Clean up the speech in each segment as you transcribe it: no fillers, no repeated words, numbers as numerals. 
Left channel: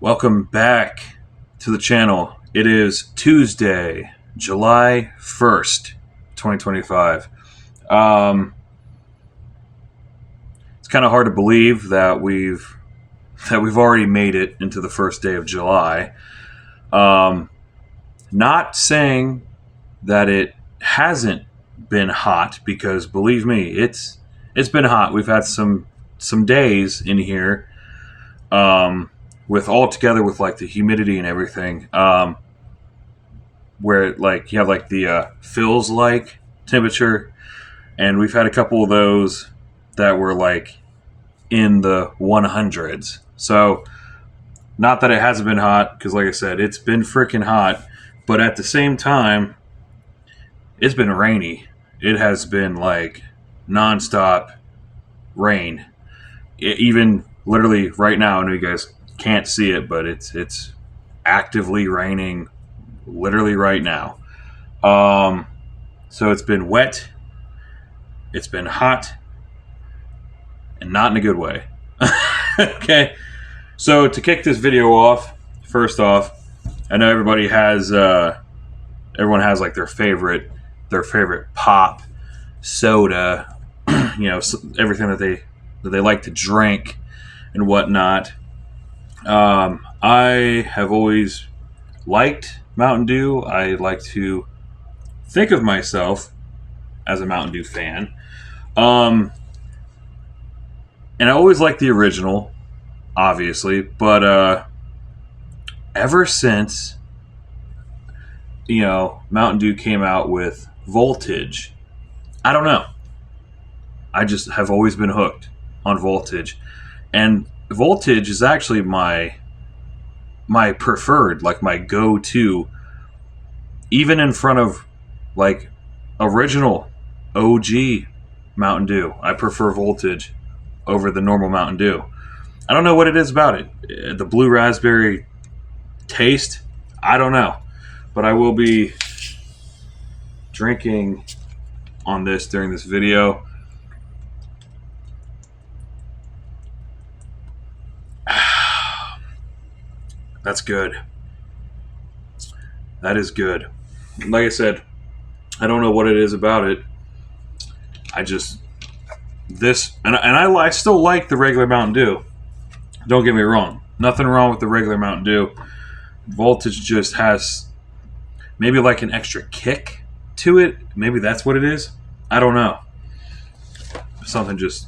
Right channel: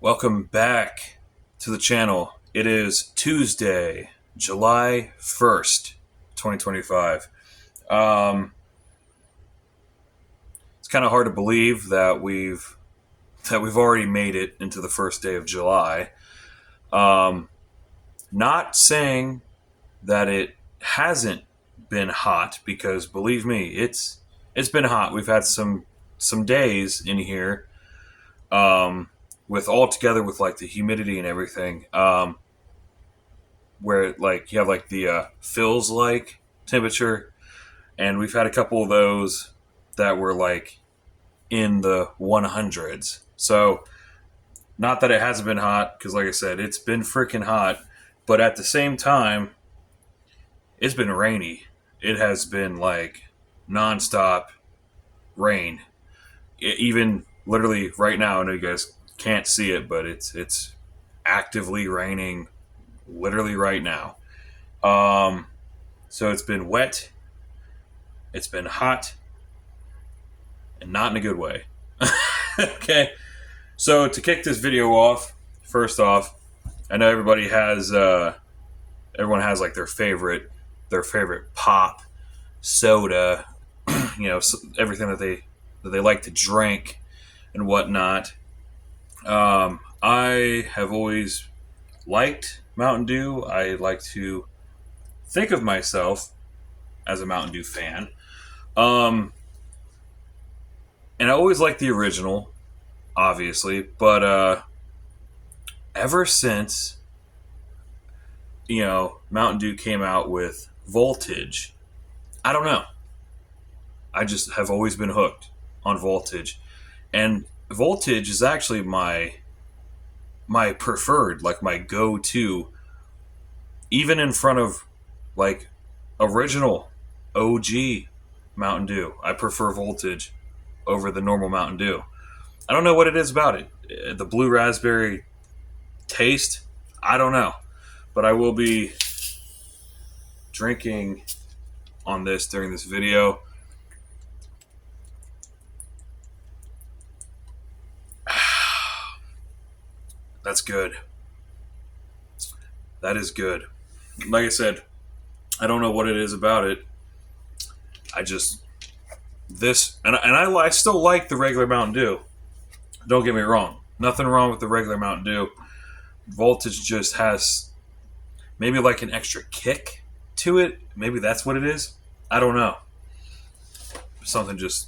Welcome back to the channel. It is Tuesday, July 1st, 2025. It's kind of hard to believe that we've already made it into the first day of July. Not saying that it hasn't been hot, because believe me, it's been hot. We've had some days in here with all together with like the humidity and everything, where like you have like the feels like temperature, and we've had a couple of those that were like in the 100s. So not that it hasn't been hot, because like I said, it's been freaking hot, but at the same time, it's been rainy. It has been like nonstop rain. Even literally right now, I know you guys can't see it, but it's actively raining literally right now. So it's been wet, it's been hot, and not in a good way. Okay, so to kick this video off, first off, I know everyone has like their favorite pop, soda, everything that they like to drink and whatnot. I have always liked Mountain Dew. I like to think of myself as a Mountain Dew fan. And I always liked the original, obviously, but ever since Mountain Dew came out with Voltage, I don't know. I just have always been hooked on Voltage. And Voltage is actually my preferred, like my go-to, even in front of like original OG Mountain Dew. I prefer Voltage over the normal Mountain Dew. I don't know what it is about it. The blue raspberry taste, I don't know. But I will be drinking on this during this video. That's good. That is good. Like I said, I don't know what it is about it. I still like the regular Mountain Dew. Don't get me wrong. Nothing wrong with the regular Mountain Dew. Voltage just has maybe like an extra kick to it. Maybe that's what it is. I don't know. Something just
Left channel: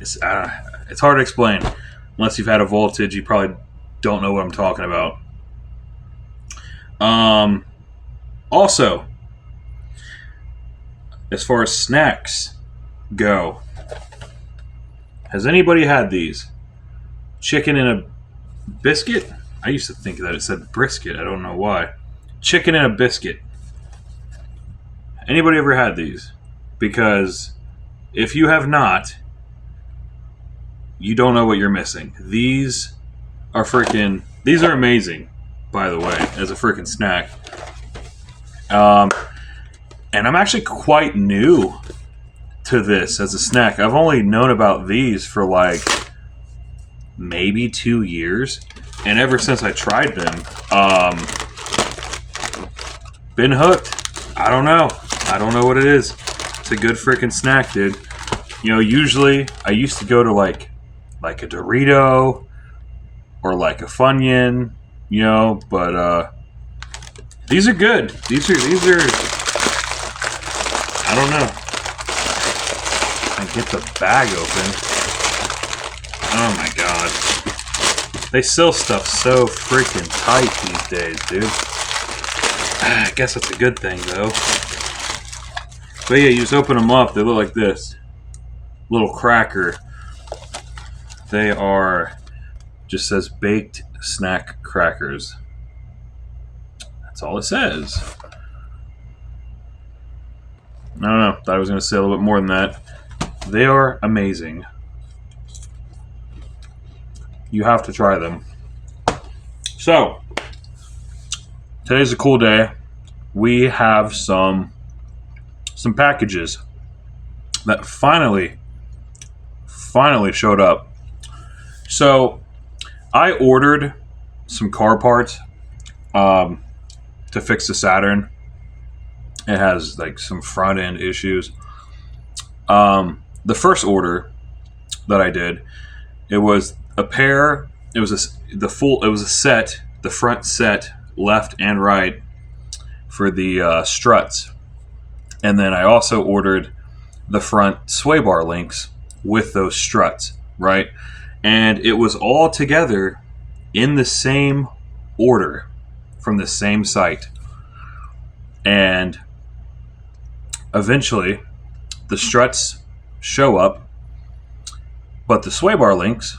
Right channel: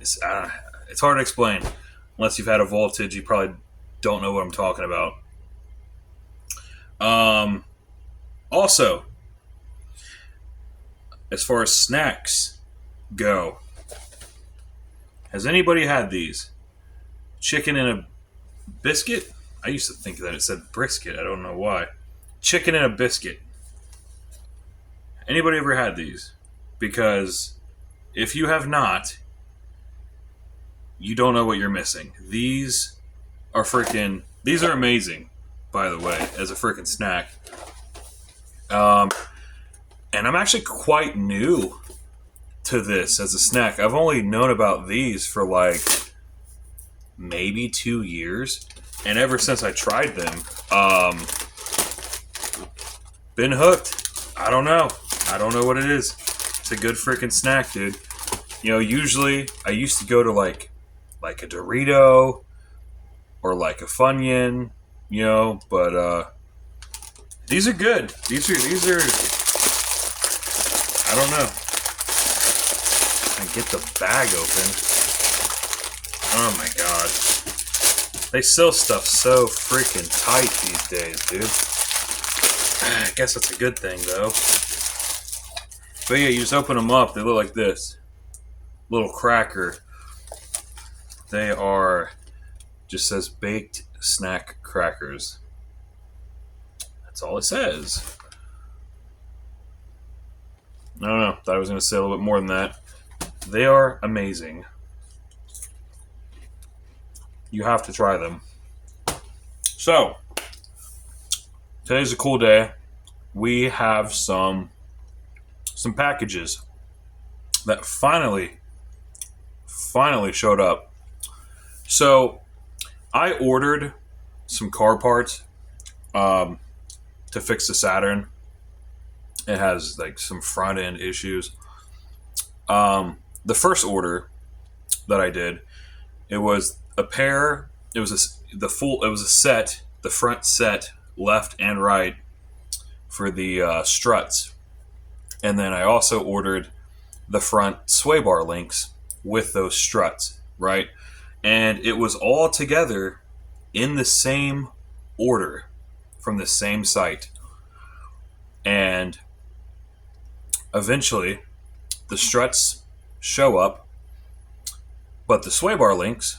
it's hard to explain. Unless you've had a Voltage, you probably don't know what I'm talking about. Also, as far as snacks go, has anybody had these? Chicken in a biscuit? I used to think that it said brisket. I don't know why. Chicken in a biscuit. Anybody ever had these? Because if you have not, you don't know what you're missing. These are amazing, by the way, as a freaking snack. And I'm actually quite new to this as a snack. I've only known about these for like maybe 2 years, and ever since I tried them, been hooked. I don't know what it is. It's a good freaking snack, dude. Usually I used to go to like a Dorito or like a Funyun, but these are good. These are I don't know. I get the bag open. Oh my god. They sell stuff so freaking tight these days, dude. I guess that's a good thing, though. But yeah, you just open them up. They look like this. Little cracker. They are, just says baked snack crackers. That's all it says. I don't know. Thought I was going to say a little bit more than that. They are amazing. You have to try them. So, today's a cool day. We have some packages that finally showed up. So, I ordered some car parts to fix the Saturn. It has like some front end issues. The first order that I did, it was a pair. It was It was a set, the front set, left and right, for the struts, and then I also ordered the front sway bar links with those struts, right? And it was all together in the same order from the same site. And eventually, the struts show up, but the sway bar links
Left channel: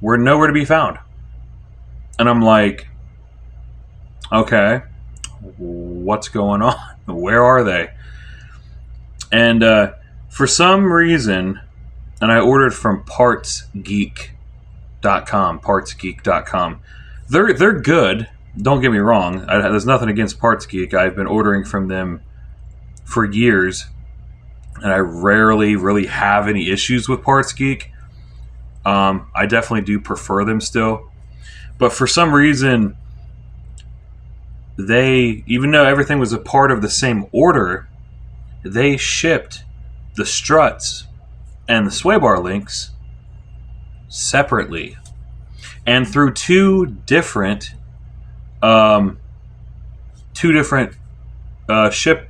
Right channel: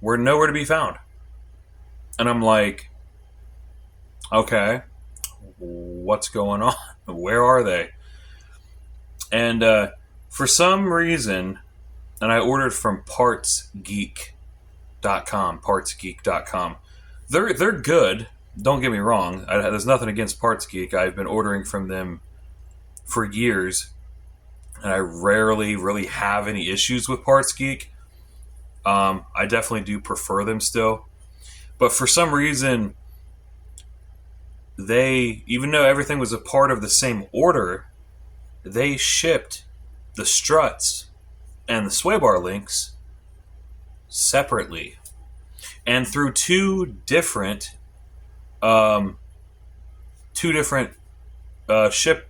were nowhere to be found. And I'm like, okay, what's going on? Where are they? And for some reason, and I ordered from partsgeek.com. They're good. Don't get me wrong. There's nothing against Parts Geek. I've been ordering from them for years, and I rarely really have any issues with Parts Geek. I definitely do prefer them still. But for some reason, even though everything was a part of the same order, they shipped the struts and the sway bar links separately, and through two different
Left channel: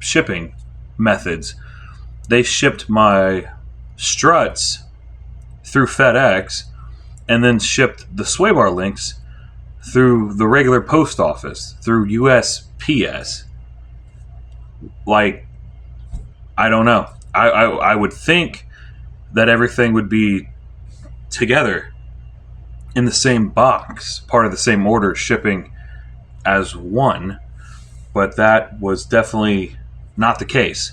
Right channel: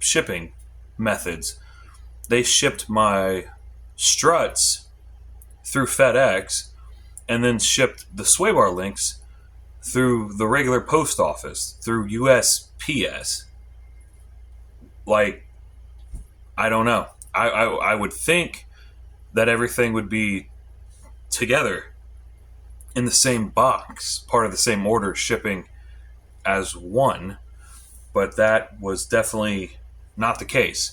shipping methods. They shipped my struts through FedEx, and then shipped the sway bar links through the regular post office, through USPS. Like, I don't know. I would think that everything would be together in the same box, part of the same order, shipping as one, but that was definitely not the case.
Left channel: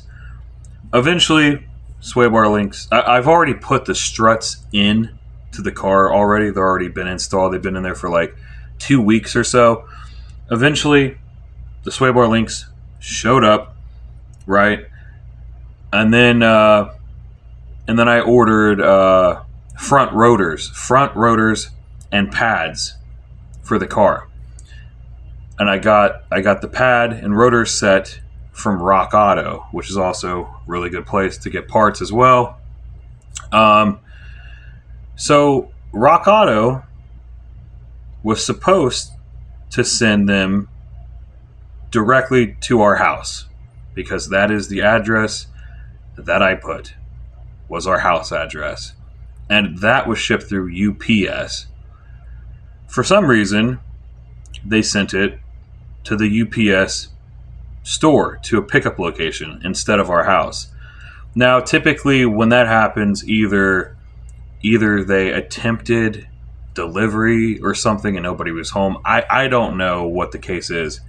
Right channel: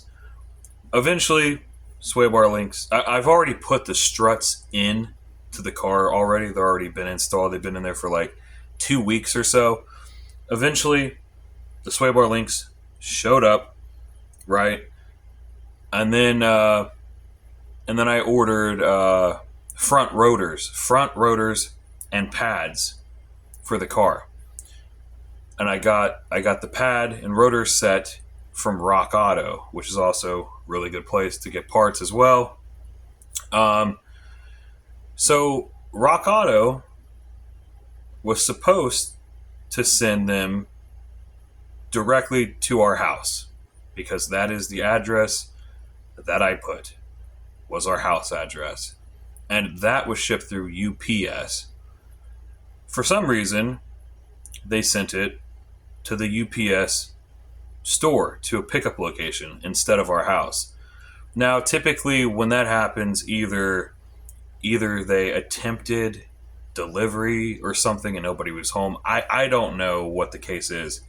Eventually, sway bar links. I've already put the struts in to the car already. They've already been installed. They've been in there for like 2 weeks or so. Eventually, the sway bar links showed up, right? And then I ordered front rotors and pads for the car. And I got the pad and rotor set from Rock Auto, which is also a really good place to get parts as well. So Rock Auto was supposed to send them directly to our house, because that is the address that I put, was our house address. And that was shipped through UPS. For some reason, they sent it to the UPS store, to a pickup location instead of our house. Now, typically when that happens, either they attempted delivery or something and nobody was home. I don't know what the case is,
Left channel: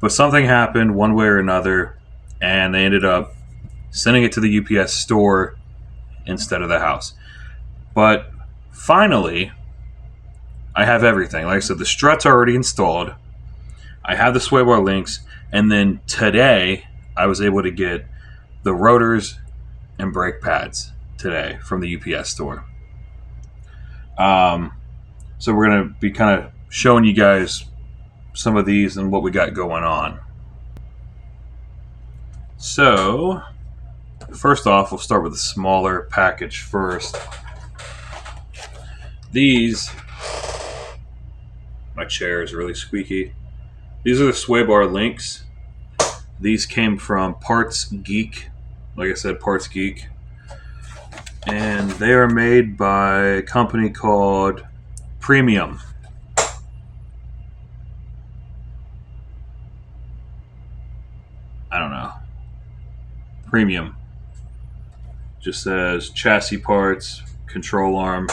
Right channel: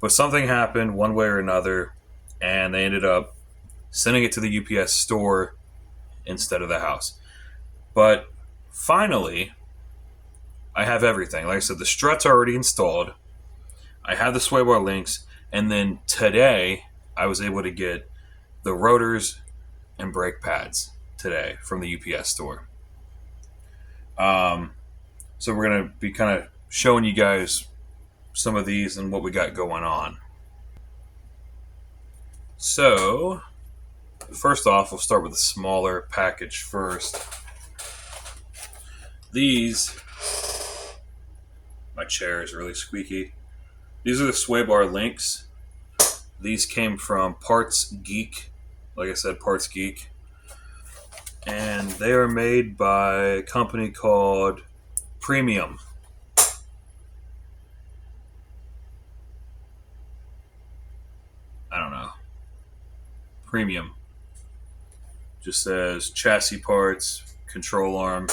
but something happened one way or another, and they ended up sending it to the UPS store instead of the house. But finally, I have everything. Like I said, the struts are already installed. I have the sway bar links, and then today I was able to get the rotors and brake pads today from the UPS store. So we're going to be kind of showing you guys some of these and what we got going on. So, first off, we'll start with the smaller package first. These, my chair is really squeaky. These are the sway bar links. These came from Parts Geek. Like I said, Parts Geek. And they are made by a company called Premium. I don't know. Premium. Just says chassis parts, control arm,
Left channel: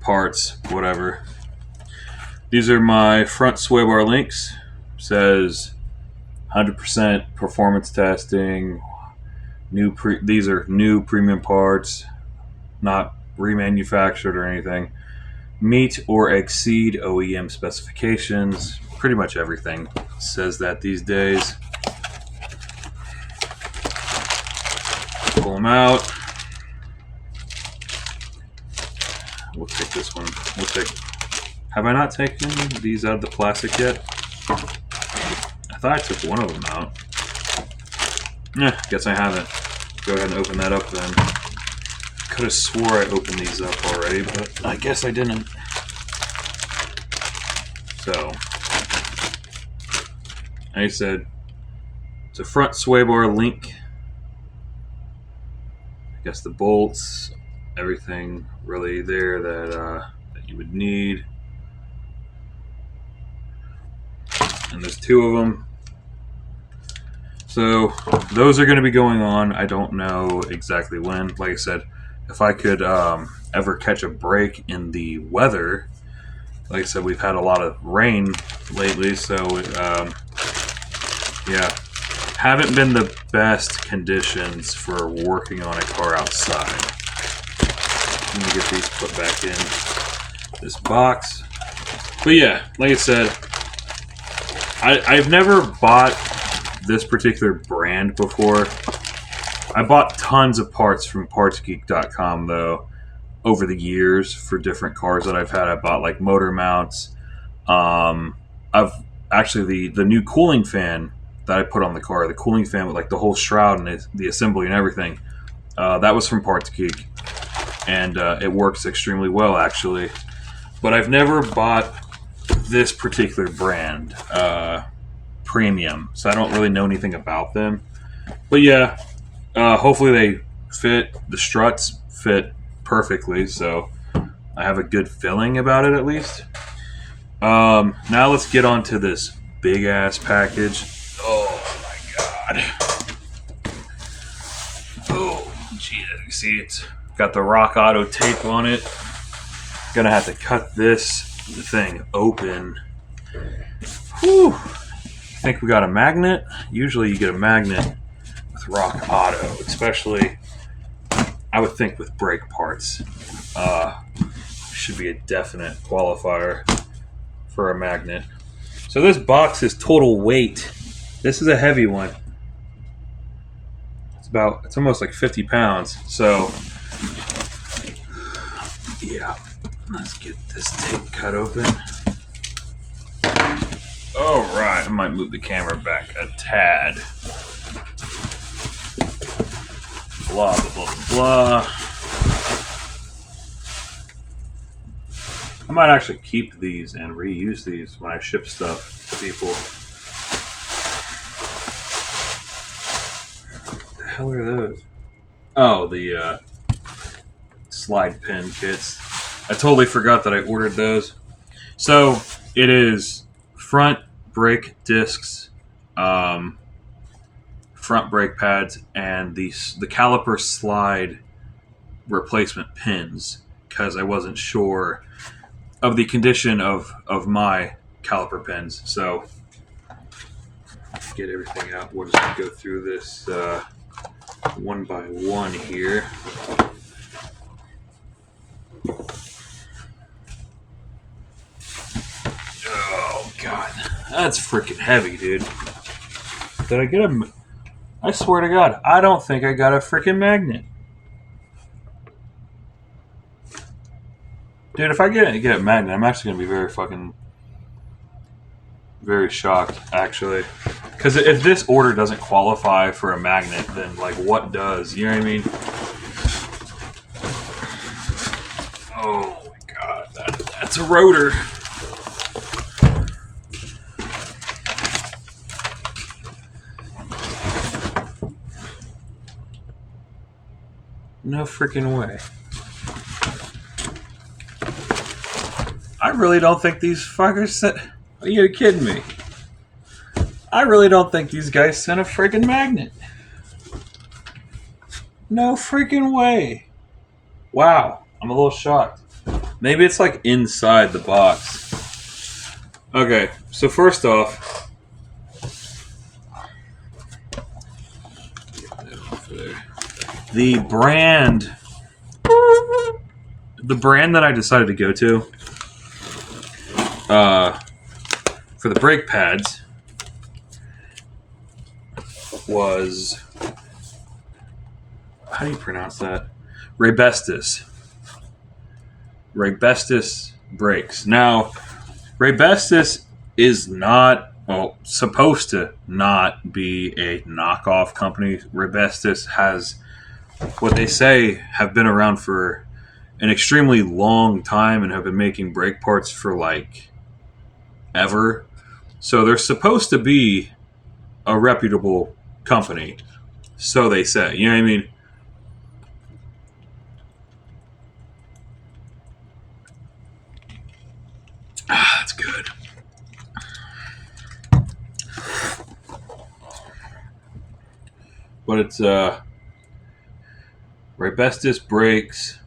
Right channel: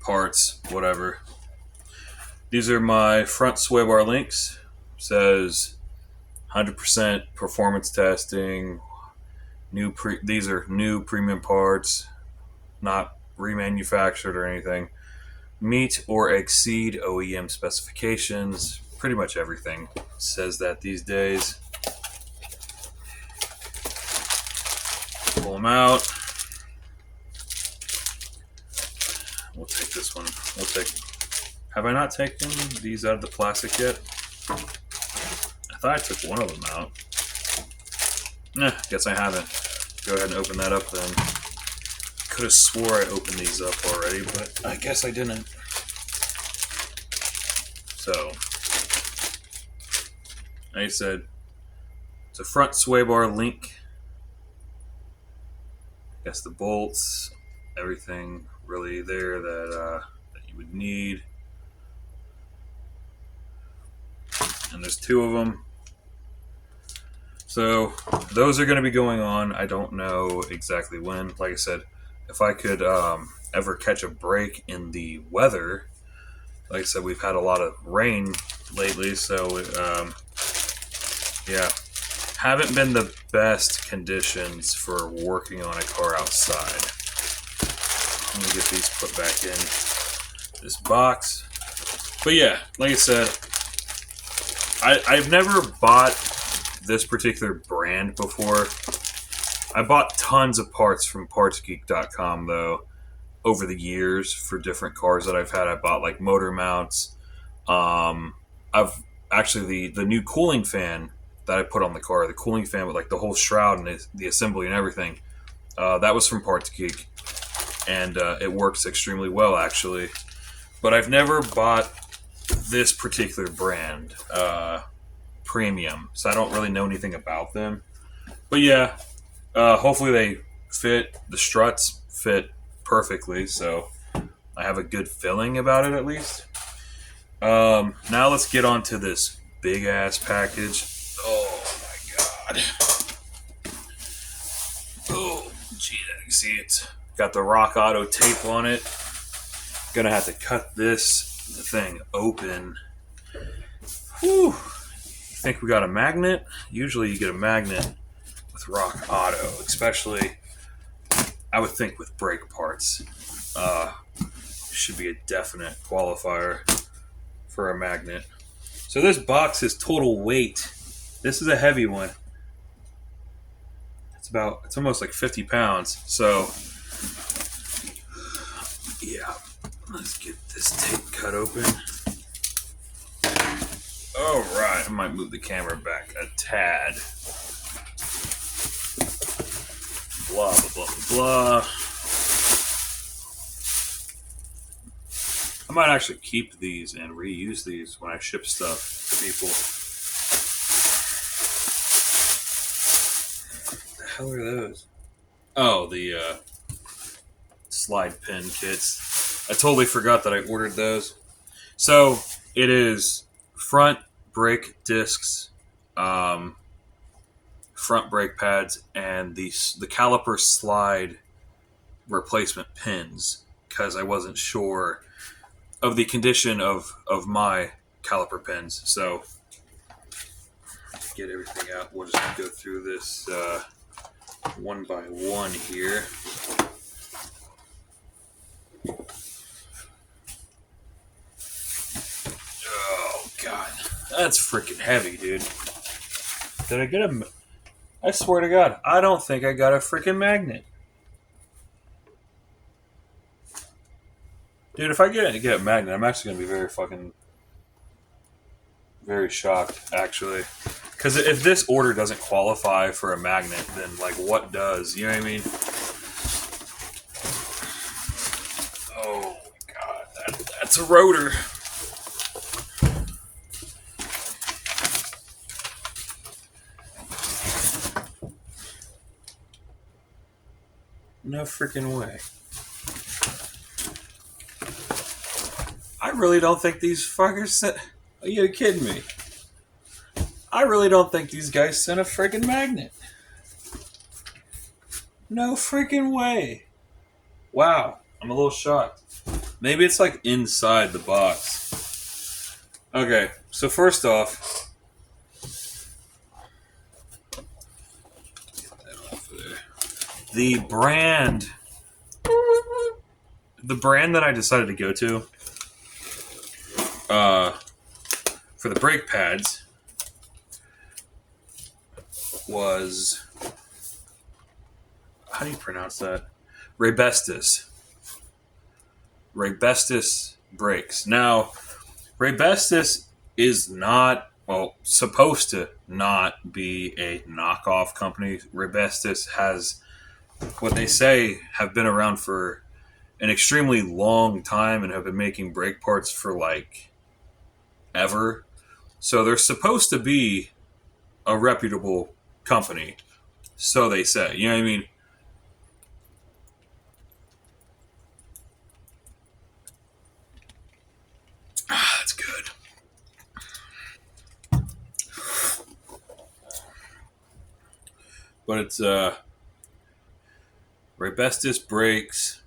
parts, whatever. These are my front sway bar links. Says 100% performance testing. These are new premium parts, not remanufactured or anything. Meet or exceed OEM specifications. Pretty much everything says that these days. Pull them out. We'll take this one. We'll take Have I not taken these out of the plastic yet? I thought I took one of them out. Guess I haven't. Go ahead and open that up then. Could have swore I opened these up already, but I guess I didn't. So, like I said, it's a front sway bar link. I guess the bolts, everything really there that you would need. And there's two of them. So those are going to be going on. I don't know exactly when. Like I said, if I could ever catch a break in the weather, like I said, we've had a lot of rain lately, so yeah, haven't been the best conditions for working on a car outside. I'm gonna get these put back in this box. But yeah, like I said, I've never bought this particular brand before. I bought tons of parts from partsgeek.com though over the years for different cars that I've had. I bought like motor mounts. I've actually the new cooling fan that I put on the car, the cooling fan with like the whole shroud and the assembly and everything, that was from Parts Geek, and it works extremely well actually. But I've never bought this particular brand, premium, so I don't really know anything about them. But yeah, hopefully they fit. The struts fit perfectly, so I have a good feeling about it at least. Now let's get on to this big ass package. Oh my god. Oh gee, you see it's got the Rock Auto tape on it. Gonna have to cut this thing open. Whew. Think we got a magnet? Usually you get a magnet with Rock Auto, especially I would think with brake parts. Should be a definite qualifier for a magnet. So this box is total weight. This is a heavy one. It's almost like 50 pounds. So yeah, let's get this tape cut open. Alright, I might move the camera back a tad. Blah, blah, blah, blah. I might actually keep these and reuse these when I ship stuff to people. What the hell are those? Oh, the slide pin kits. I totally forgot that I ordered those. So, it is front brake discs, front brake pads, and the caliper slide replacement pins, because I wasn't sure of the condition of my caliper pins. So get everything out. We'll just go through this one by one here. Oh god, that's freaking heavy, dude. Did I get a? I swear to God, I don't think I got a freaking magnet. Dude, if I get a magnet, I'm actually going to be very shocked, actually. Because if this order doesn't qualify for a magnet, then, like, what does? You know what I mean? Oh, my God. That's a rotor. No freaking way. I really don't think these fuckers sent... Are you kidding me? I really don't think these guys sent a freaking magnet. No freaking way. Wow. I'm a little shocked. Maybe it's like inside the box. Okay, so first off... Get that off of there. The brand that I decided to go to for the brake pads was, how do you pronounce that? Raybestos brakes. Now, Raybestos is not, well, supposed to not be a knockoff company. Raybestos has what they say have been around for an extremely long time and have been making brake parts for like ever. So they're supposed to be a reputable company. So they say. You know what I mean? Ah, that's good. But it's Raybestos brakes.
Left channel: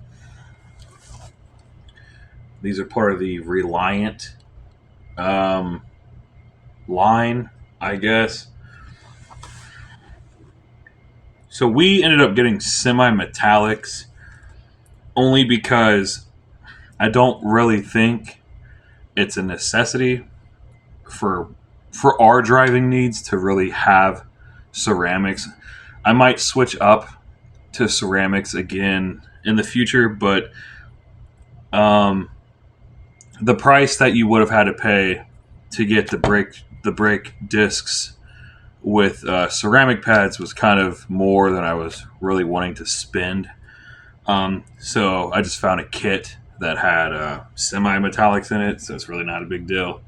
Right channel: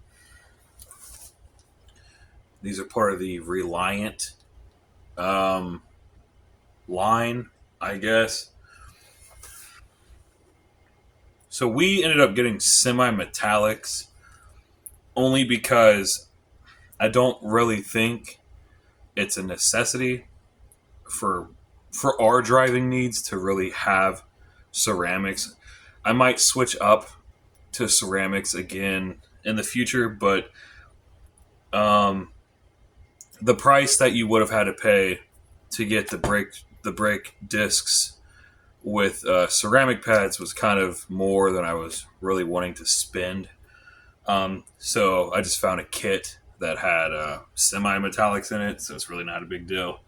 These are part of the Reliant line, I guess. So we ended up getting semi-metallics only because I don't really think it's a necessity for our driving needs to really have ceramics. I might switch up to ceramics again in the future, but the price that you would have had to pay to get the brake discs with ceramic pads was kind of more than I was really wanting to spend. So I just found a kit that had semi-metallics in it, so it's really not a big deal.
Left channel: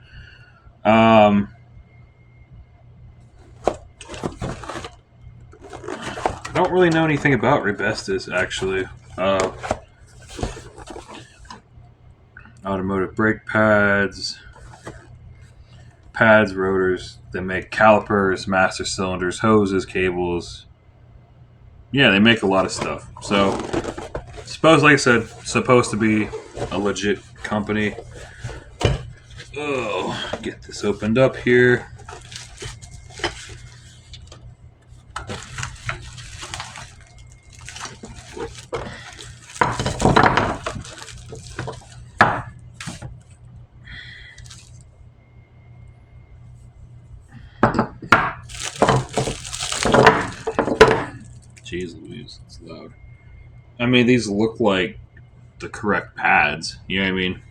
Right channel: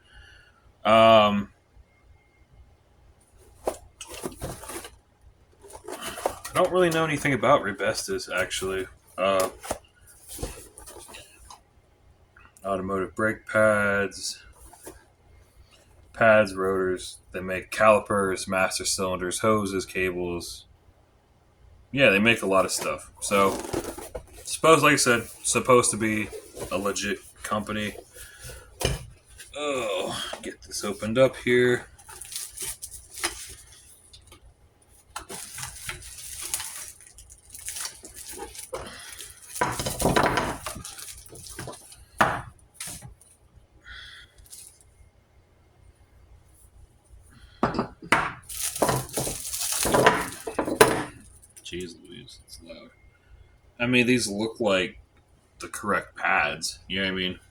I don't really know anything about Raybestos, actually. Automotive brake pads, rotors. They make calipers, master cylinders, hoses, cables. Yeah, they make a lot of stuff. So, like I said, supposed to be a legit company. Oh, get this opened up here. Jeez Louise, it's loud. I mean, these look like the correct pads. You know what I mean?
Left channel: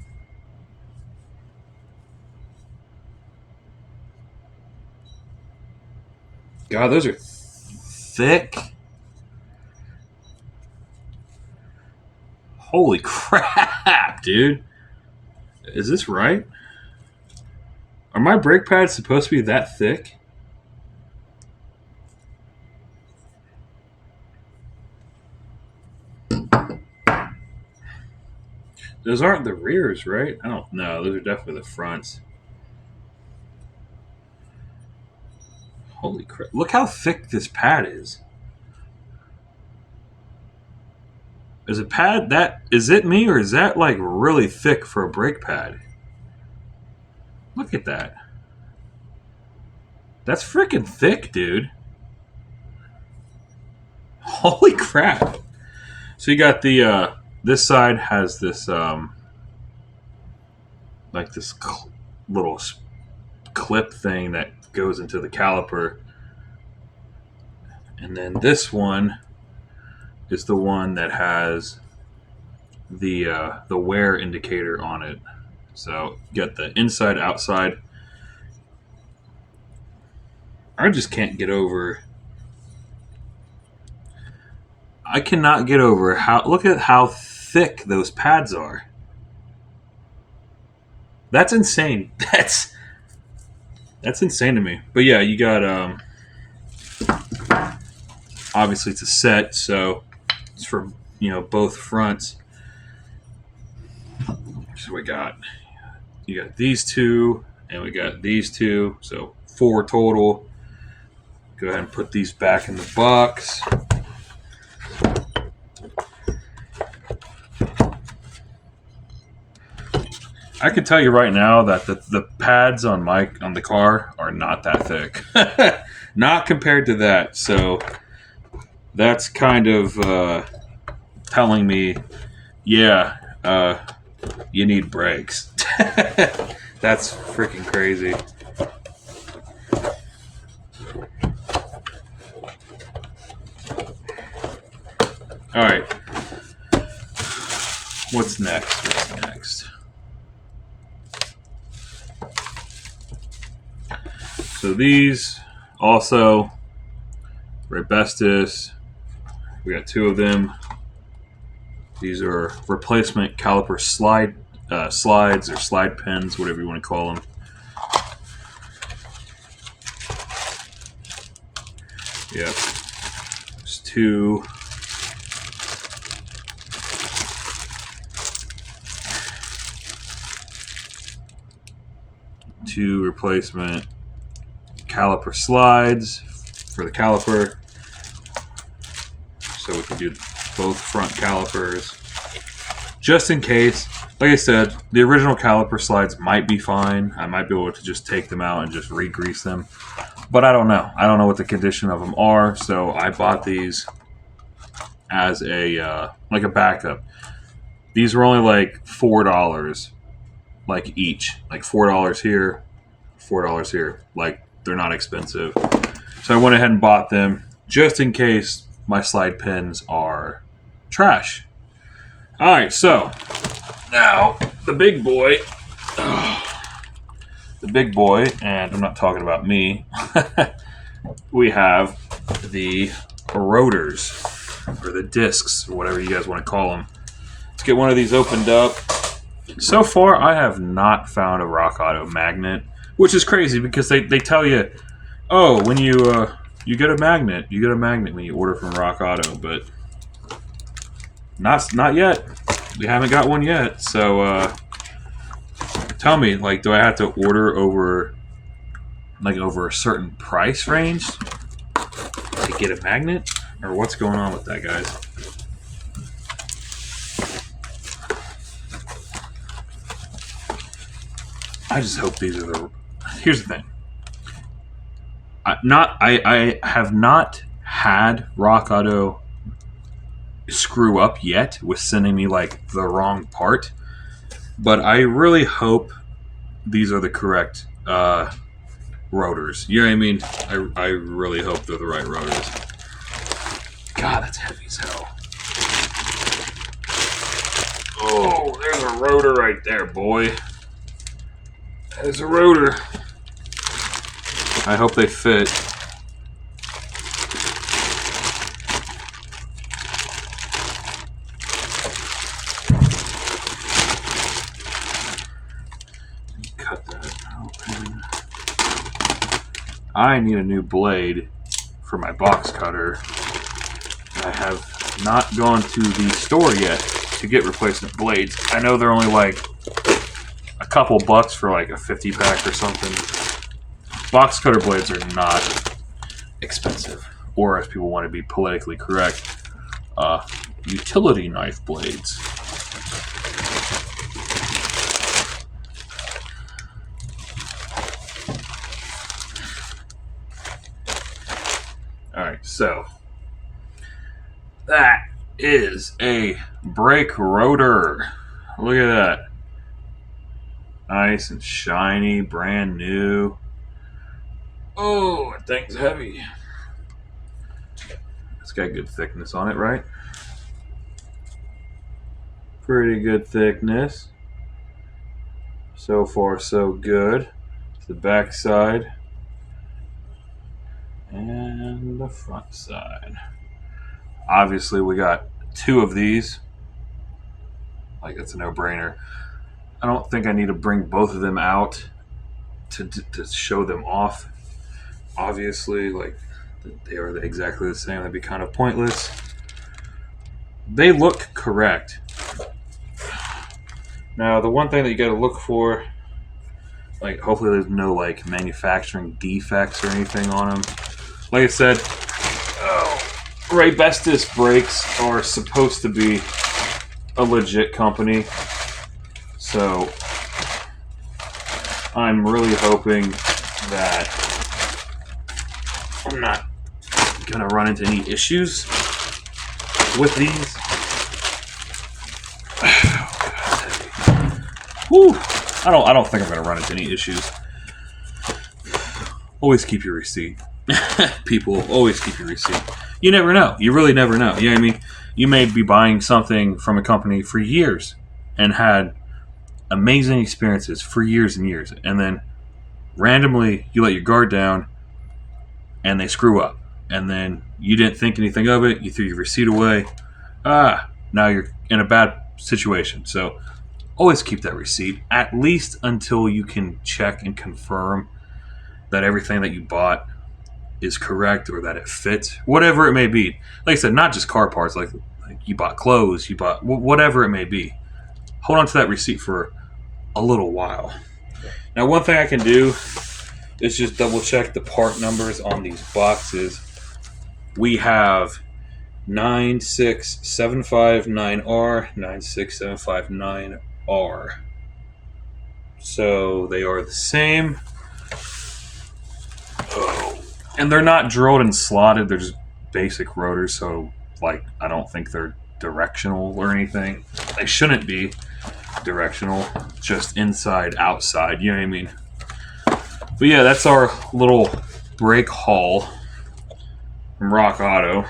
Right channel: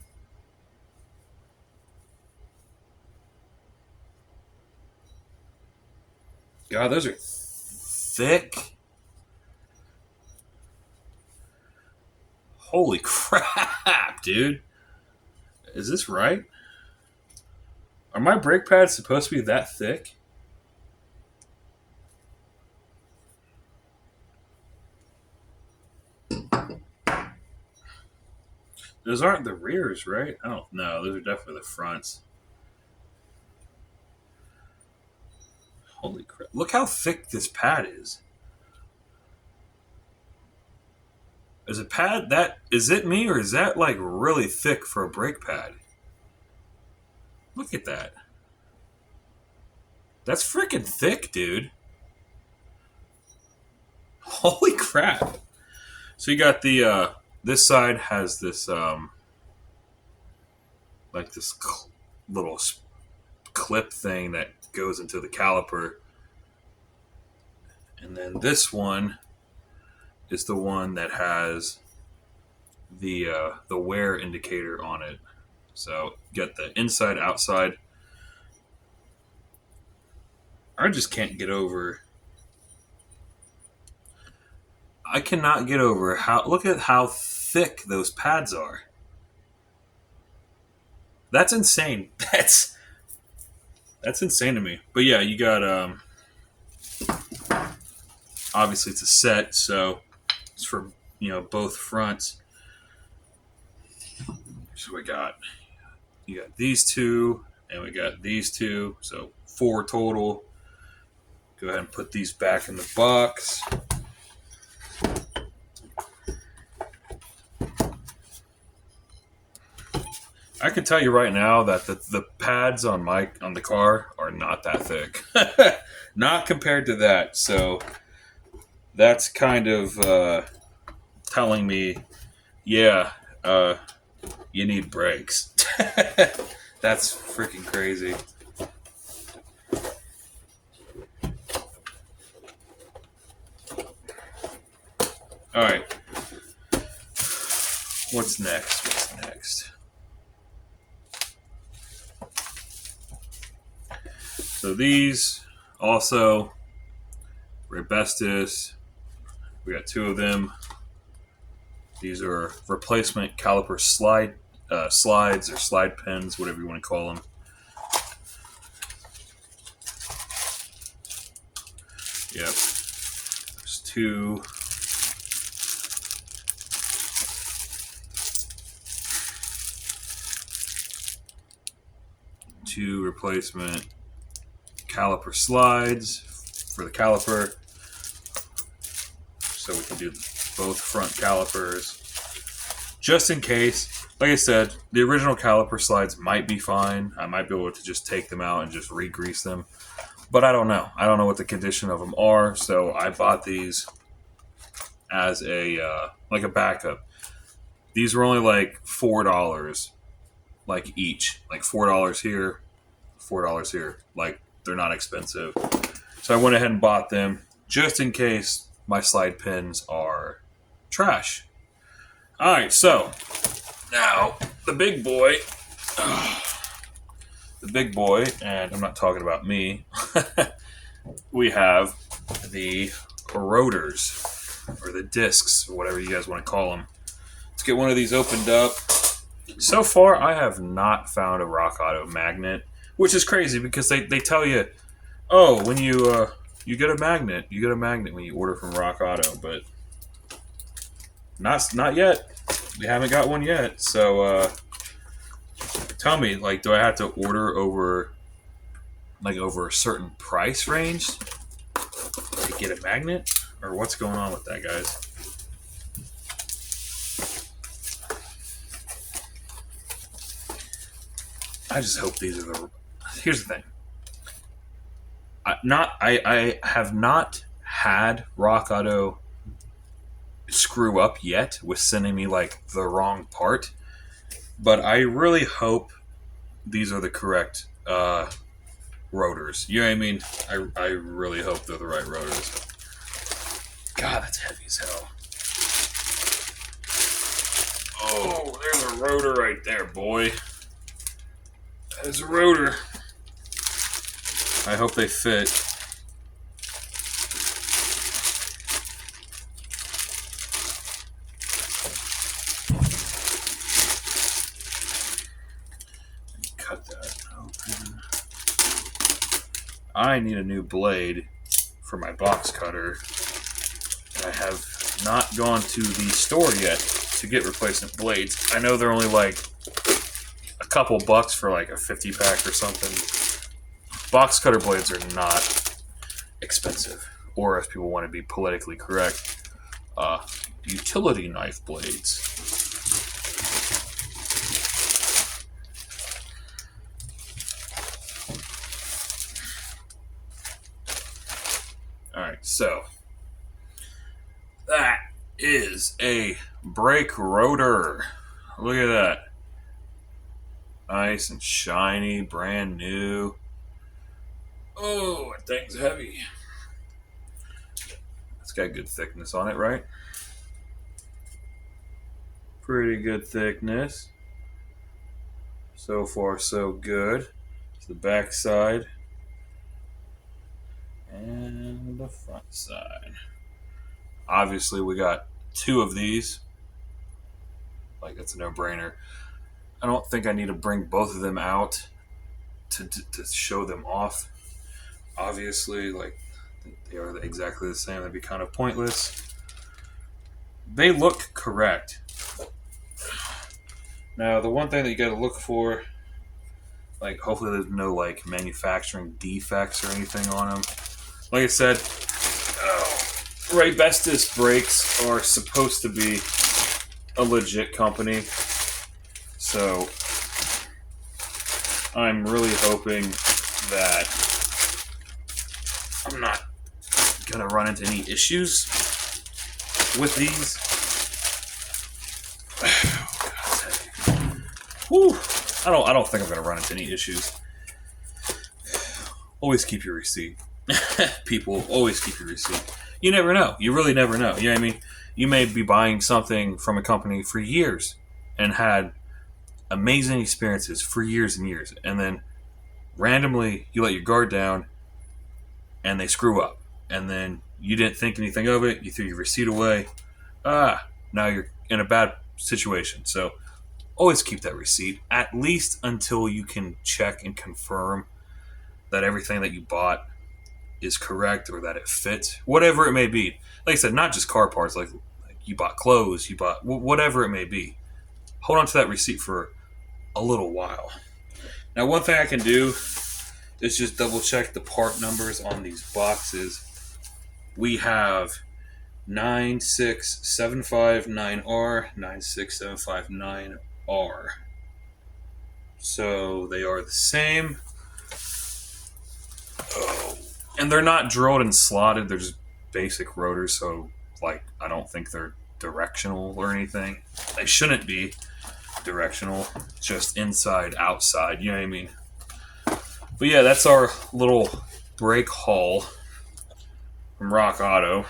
God, those are thick. Holy crap, dude. Is this right? Are my brake pads supposed to be that thick? Those aren't the rears, right? I don't know. Those are definitely the fronts. Holy crap. Look how thick this pad is. Is a pad that, is it me or is that like really thick for a brake pad? Look at that. That's freaking thick, dude. Holy crap. So you got the this side has this like this little clip thing that goes into the caliper. And then this one is the one that has the wear indicator on it. So you got the inside, outside. I just can't get over. I cannot get over how. Look at how thick those pads are. That's insane. That's insane to me. But yeah, you got obviously it's a set, so it's for both fronts. So we got you got these two, and we got these two, so 4 total. Go ahead and put these back in the box. I can tell you right now that the pads on the car are not that thick. Not compared to that. So that's kind of telling me, yeah, you need brakes. That's freaking crazy. All right. What's next? So these also Ribestis. We got 2 of them. These are replacement caliper slides or slide pins, whatever you want to call them. Yep. There's 2. Two replacement caliper slides for the caliper. So we can do both front calipers. Just in case, like I said, the original caliper slides might be fine. I might be able to just take them out and just re-grease them. But I don't know. I don't know what the condition of them are. So I bought these as a like a backup. These were only like $4 like each. Like $4 here, $4 here. Like they're not expensive. So I went ahead and bought them just in case my slide pins are trash. Alright, so now the big boy. The big boy, and I'm not talking about me. We have the rotors, or the discs, or whatever you guys want to call them. Let's get one of these opened up. So far, I have not found a Rock Auto magnet, which is crazy because they tell you, oh, when you get a magnet, when you order from Rock Auto, but not yet. We haven't got one yet, so tell me, like, do I have to order over a certain price range to get a magnet, or what's going on with that, guys? I just hope these are the. Here's the thing. I have not had Rock Auto screw up yet with sending me like the wrong part, but I really hope these are the correct rotors. You know what I mean? I really hope they're the right rotors. God, that's heavy as hell. Oh, there's a rotor right there, boy. There's a rotor. I hope they fit. Cut that open. I need a new blade for my box cutter. I have not gone to the store yet to get replacement blades. I know they're only like a couple bucks for like a 50 pack or something. Box cutter blades are not expensive, or as people want to be politically correct, utility knife blades. Alright, so that is a brake rotor. Look at that. Nice and shiny, brand new. Oh, that thing's heavy. It's got good thickness on it, right? Pretty good thickness. So far, so good. It's the back side and the front side. Obviously, we got 2 of these. Like, that's a no-brainer. I don't think I need to bring both of them out to show them off. Obviously, like, they are exactly the same. That'd be kind of pointless. They look correct. Now, the one thing that you got to look for, like, hopefully there's no, like, manufacturing defects or anything on them. Like I said, Ribestis brakes are supposed to be a legit company. So, I'm really hoping that I'm not going to run into any issues with these. Whew. I don't think I'm going to run into any issues. Always keep your receipt. People, always keep your receipt. You never know. You really never know. You know what I mean? You may be buying something from a company for years and had amazing experiences for years and years, and then randomly you let your guard down and they screw up, and then you didn't think anything of it, you threw your receipt away, now you're in a bad situation. So always keep that receipt, at least until you can check and confirm that everything that you bought is correct or that it fits, whatever it may be. Like I said, not just car parts, like you bought clothes, you bought whatever it may be. Hold on to that receipt for a little while. Now, one thing I can do is just double check the part numbers on these boxes. We have 96759R, 96759R. So they are the same. And they're not drilled and slotted, they're just basic rotors, so like I don't think they're directional or anything. They shouldn't be directional, just inside, outside, you know what I mean? But yeah, that's our little brake haul from Rock Auto.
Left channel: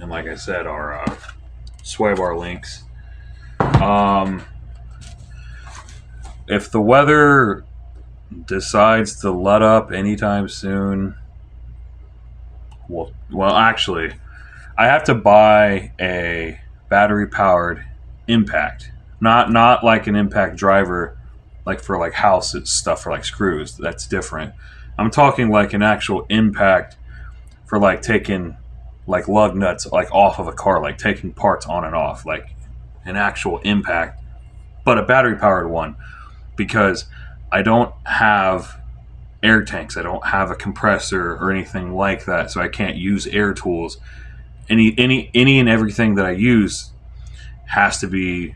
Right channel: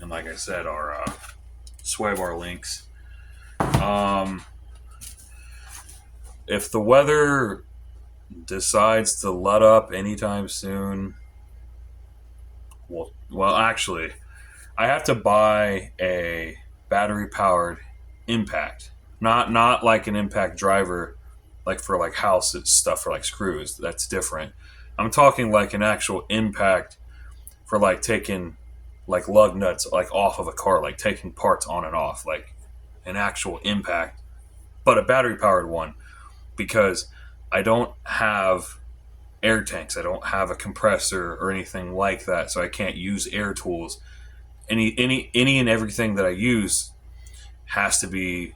And like I said, our sway bar links. If the weather decides to let up anytime soon, well, actually, I have to buy a battery-powered impact. Not like an impact driver, like for like house stuff for like screws. That's different. I'm talking like an actual impact for like taking like lug nuts like off of a car, like taking parts on and off, like an actual impact, but a battery-powered one, because I don't have air tanks. I don't have a compressor or anything like that, so I can't use air tools. Any and everything that I use has to be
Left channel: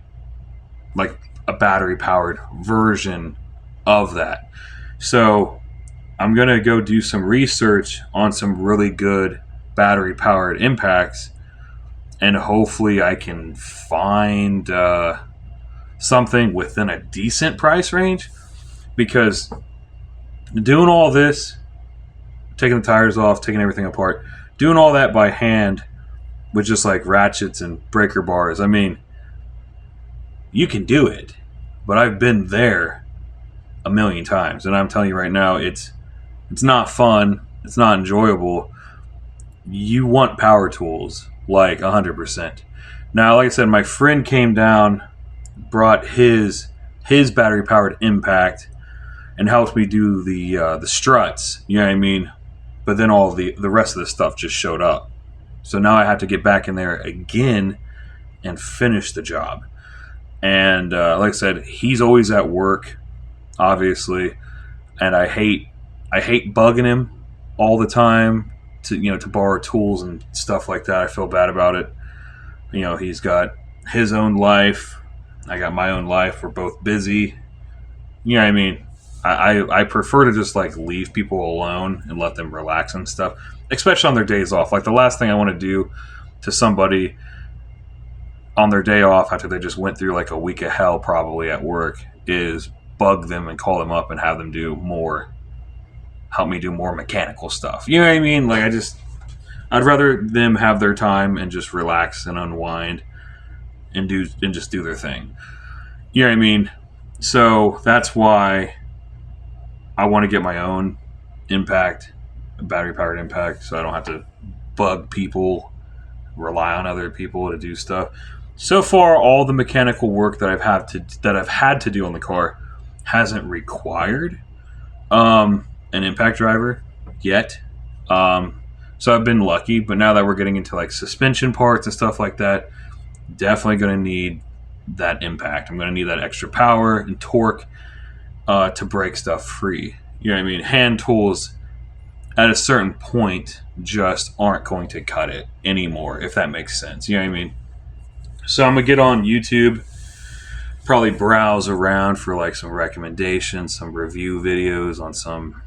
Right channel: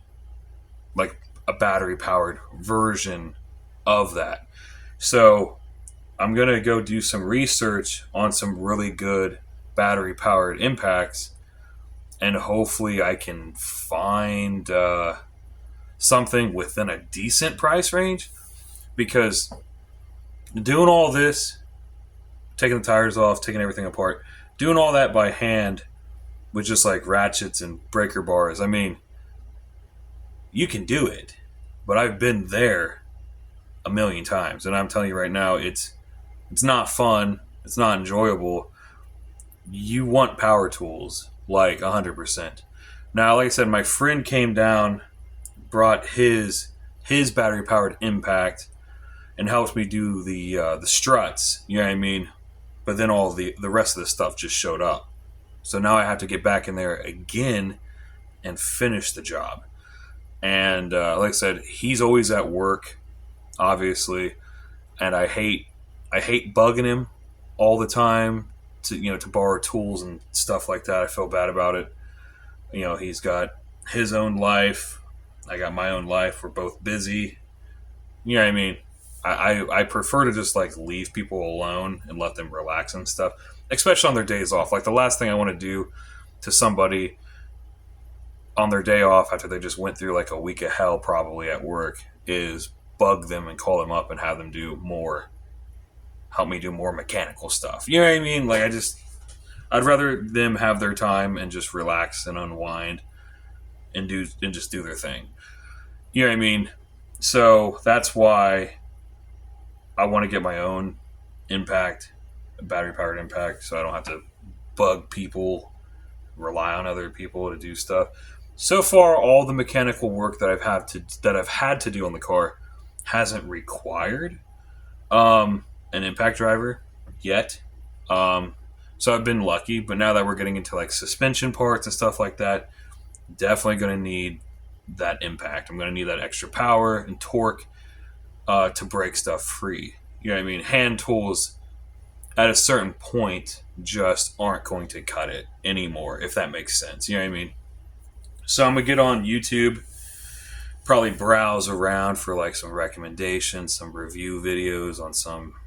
like a battery powered version of that. So I'm gonna go do some research on some really good battery powered impacts, and hopefully I can find something within a decent price range, because doing all this, taking the tires off, taking everything apart, doing all that by hand with just like ratchets and breaker bars, I mean, you can do it, but I've been there a million times, and I'm telling you right now, it's not fun, it's not enjoyable. You want power tools, like 100%. Now, like I said, my friend came down, brought his battery powered impact, and helped me do the struts, you know what I mean? But then all the rest of the stuff just showed up. So now I have to get back in there again and finish the job. And like I said, he's always at work, obviously, and I hate bugging him all the time to borrow tools and stuff like that. I feel bad about it. You know, he's got his own life, I got my own life. We're both busy. You know what I mean? I prefer to just like leave people alone and let them relax and stuff, especially on their days off. Like the last thing I want to do to somebody on their day off after they just went through like a week of hell probably at work is bug them and call them up and have them help me do more mechanical stuff. You know what I mean? Like I'd rather them have their time and just relax and unwind and just do their thing. You know what I mean? So that's why I want to get my own impact, a battery powered impact, so I don't have to bug people, rely on other people to do stuff. So far, all the mechanical work that I've had to do on the car hasn't required an impact driver yet. So I've been lucky, but now that we're getting into like suspension parts and stuff like that, definitely going to need that impact. I'm going to need that extra power and torque to break stuff free. You know what I mean? Hand tools at a certain point just aren't going to cut it anymore, if that makes sense. You know what I mean? So I'm going to get on YouTube, probably browse around for like some recommendations, some review videos on some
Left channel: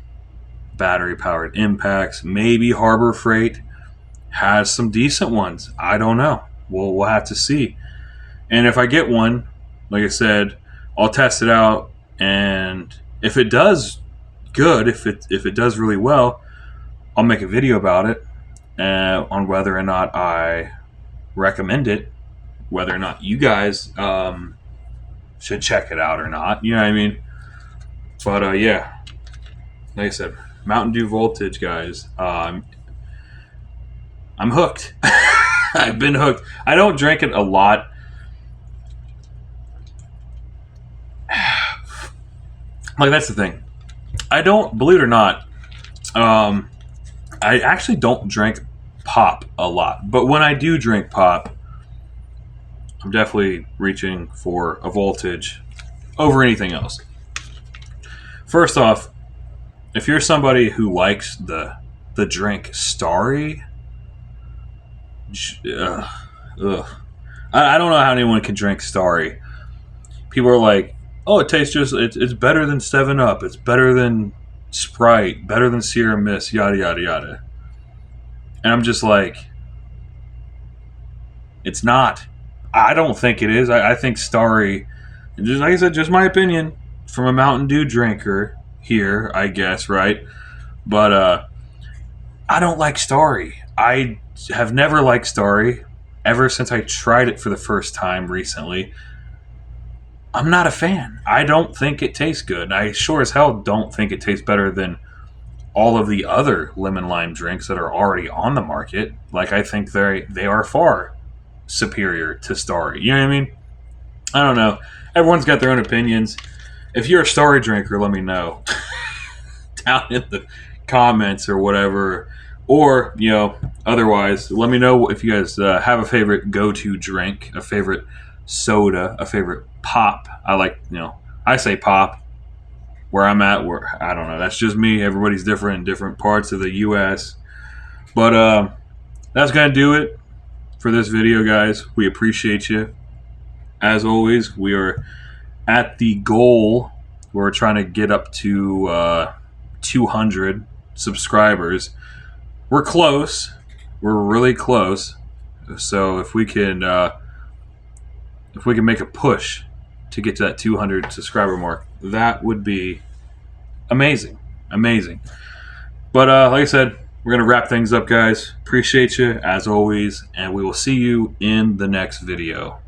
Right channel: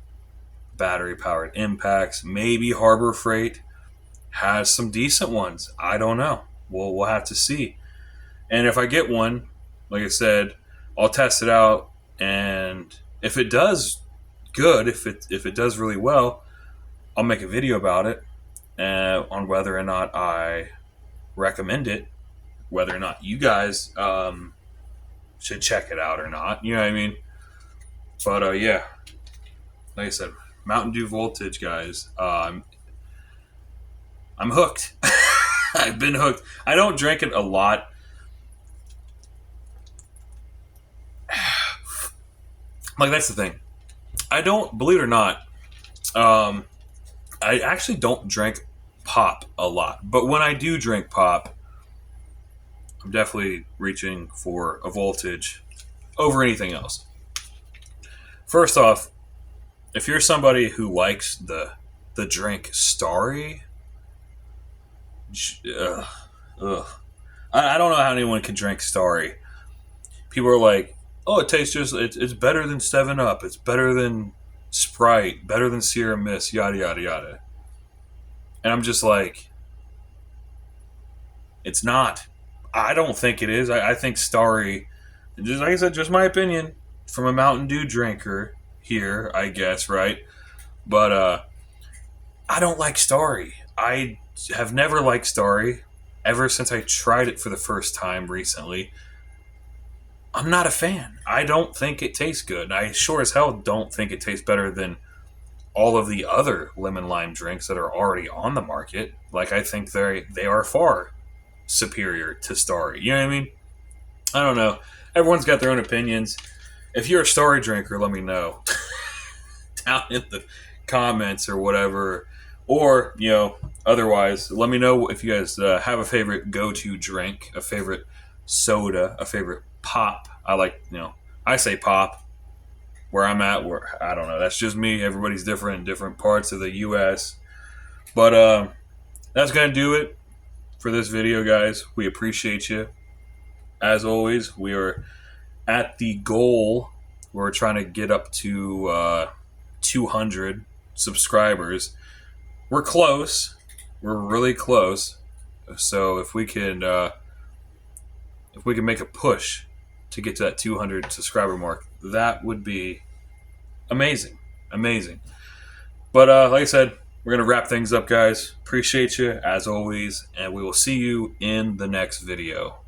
battery powered impacts. Maybe Harbor Freight has some decent ones. I don't know. We'll have to see. And if I get one, like I said, I'll test it out, and if it does good, if it does really well, I'll make a video about it on whether or not I recommend it, whether or not you guys should check it out or not. You know what I mean? But yeah, like I said, Mountain Dew Voltage, guys. I'm hooked. I've been hooked. I don't drink it a lot. Like, that's the thing. I don't, believe it or not, I actually don't drink pop a lot. But when I do drink pop, I'm definitely reaching for a Voltage over anything else. First off, if you're somebody who likes the drink Starry, ugh, ugh. I don't know how anyone can drink Starry. People are like, oh, it tastes just, it's better than 7 Up, it's better than Sprite, better than Sierra Mist, yada yada yada. And I'm just like, it's not. I don't think it is. I think Starry, just like I said, just my opinion from a Mountain Dew drinker here, I guess, right? But I don't like Starry. I have never liked Starry ever since I tried it for the first time recently. I'm not a fan. I don't think it tastes good. I sure as hell don't think it tastes better than all of the other lemon lime drinks that are already on the market. Like, I think they are far superior to Starry. You know what I mean? I don't know. Everyone's got their own opinions. If you're a Starry drinker, let me know down in the comments or whatever. Or, otherwise, let me know if you guys have a favorite go-to drink, a favorite soda, a favorite pop. I like, I say pop where I'm at. Where I don't know. That's just me. Everybody's different in different parts of the U.S. But that's going to do it for this video, guys. We appreciate you. As always, we are at the goal. We're trying to get up to 200 subscribers. We're close. We're really close. So if we can make a push to get to that 200 subscriber mark, that would be amazing. Amazing. But like I said, we're going to wrap things up, guys. Appreciate you, as always, and we will see you in the next video.